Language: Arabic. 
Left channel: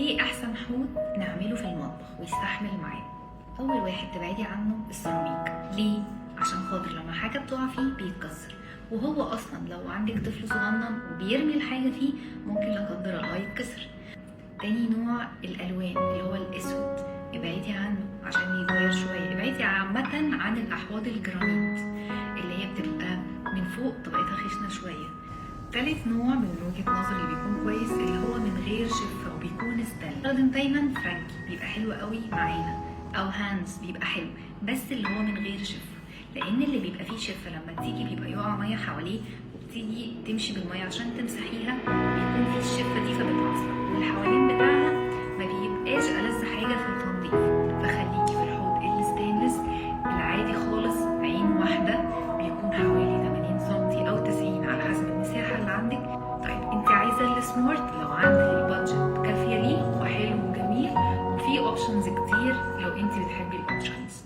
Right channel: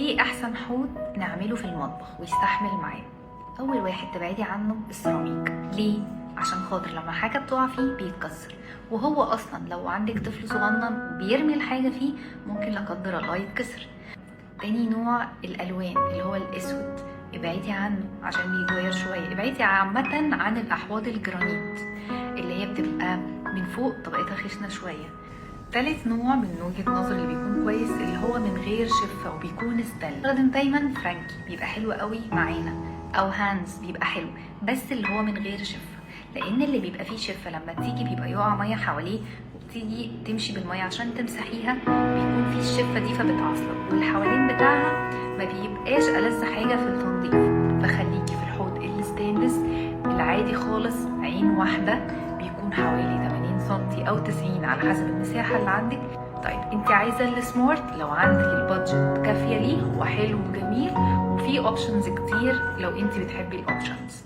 ايه احسن حوض نعمله في المطبخ ويستحمل معانا؟ اول واحد تبعدي عنه السيراميك. ليه؟ عشان خاطر لما حاجه بتقع فيه بيتكسر، وهو اصلا لو عندك طفل صغنن وبيرمي الحاجه فيه ممكن لا قدر الله يتكسر. تاني نوع الالوان اللي هو الاسود، ابعدي عنه عشان بيتغير شويه. ابعدي عامه عن الاحواض الجرانيت اللي هي بتبقى من فوق طبقتها خشنه شويه. تالت نوع من وجهة نظري اللي بيكون كويس اللي هو من غير شفة وبيكون ستانلس. بستخدم دايما فرانكي، بيبقى حلو قوي معانا، او هانز بيبقى حلو بس اللي هو من غير شفة، لان اللي بيبقى فيه شفة لما تيجي بيبقى يقع ميه حواليه وبتيجي تمشي بالميه عشان تمسحيها بيكون فيه الشفة دي فبتعصلك، واللي حوالين بتاعها ما بيبقاش ألذ حاجة في التنظيف. فخليكي في الحوض الستانلس العادي خالص، عين واحدة، بيكون حوالي 80 سنتي او 90 على حسب المساحه اللي عندك. طيب انت عايزه السمارت، لو عندك البادجت كافيه ليه وحلو وجميل، وفي اوبشنز كتير لو انت بتحبي الاوبشنز.